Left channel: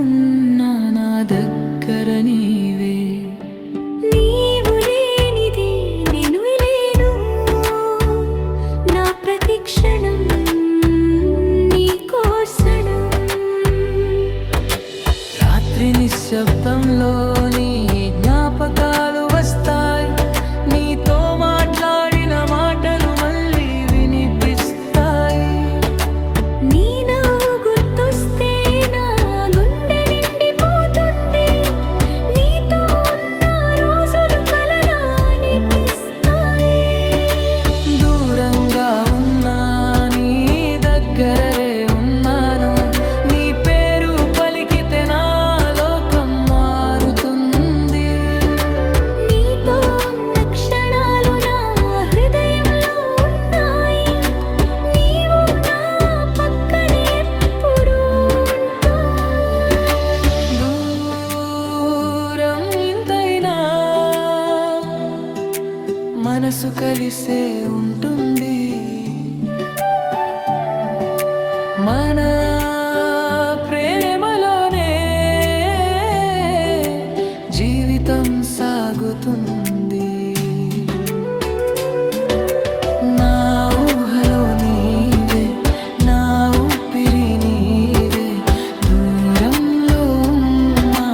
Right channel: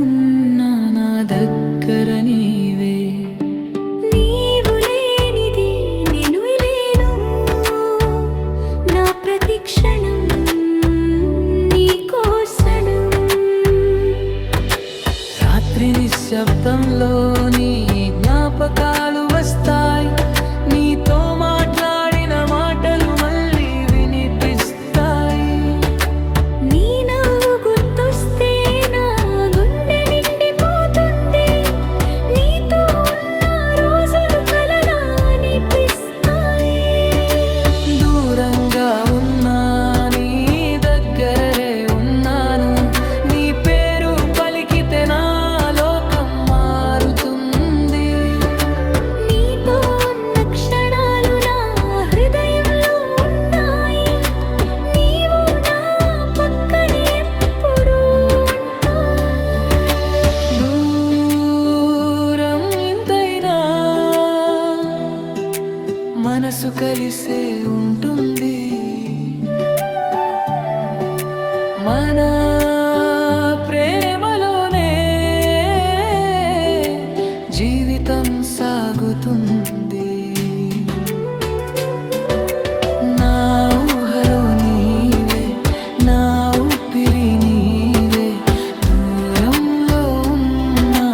ఉన్నా నా దగ్గర నీవే. నీవు లేనిది నేను లేను, నా ప్రతి క్షణం నీకోసరం. రాత్రి నిశ్శబ్దంలో నీ జ్ఞాపకాలు వస్తాయి, నీతో మాట్లాడిన మాటలు మళ్ళీ వినిపిస్తాయి. నీ నవ్వు గుర్తొస్తే నా గుండె నిండిపోతుంది, నీతో ఉన్న రోజులు కలలా అనిపిస్తాయి. దూరంగా ఉన్నా నీ దగ్గరే ఉన్నాను, నీ పేరు పలికితే నా లోకం మారుతుంది. నీతో ఉన్న క్షణాలు నా హృదయంలో ఉన్నాయి, నీవు నా పక్కనే ఎప్పుడూ ఉంటావు. దూరం ఇంతైనా మనసు కలిసే ఉంటుంది, మన ప్రేమలోనే జీవితం సాగుతుంది. నా ఊహలో నీవే, నా ఊపిరి నీవే, దూరంలో ఉన్నా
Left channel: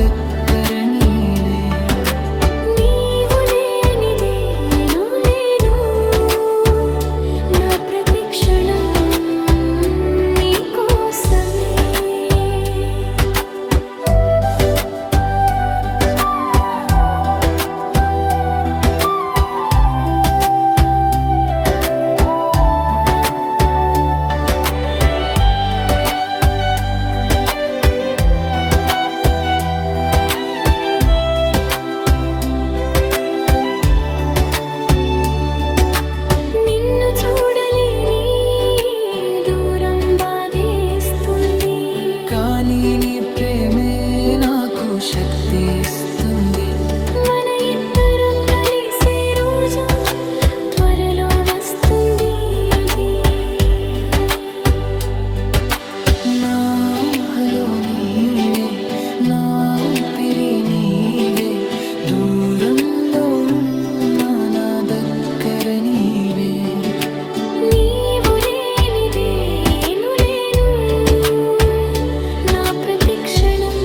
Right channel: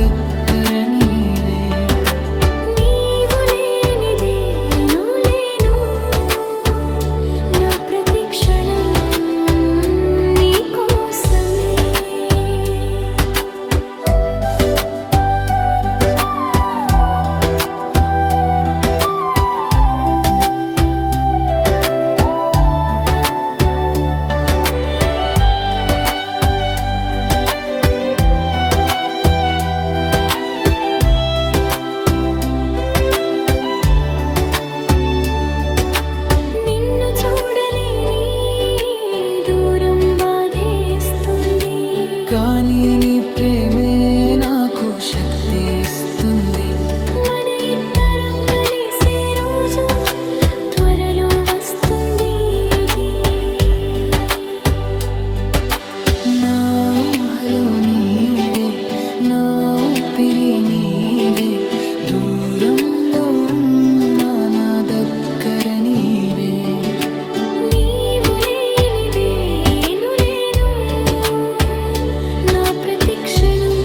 దగ్గర నీవే. నీవు లేనిదే నేను లేను, నా ప్రతి క్షణం నీకోసమే. నిన్ను చూడలేని దూరం బాధేస్తుంది, కానీ నీ ప్రేమే నాకు శక్తి ఇస్తుంది. మన ఇద్దరం కలిసే రోజు త్వరలో వస్తుంది ఇది. నా ఊహలో నీవే, నా ఊపిరి నీవే, దూరంలో ఉన్నా నా దగ్గర నీవే. నీవు లేనిదే నేను లేను, నా ప్రతి క్షణం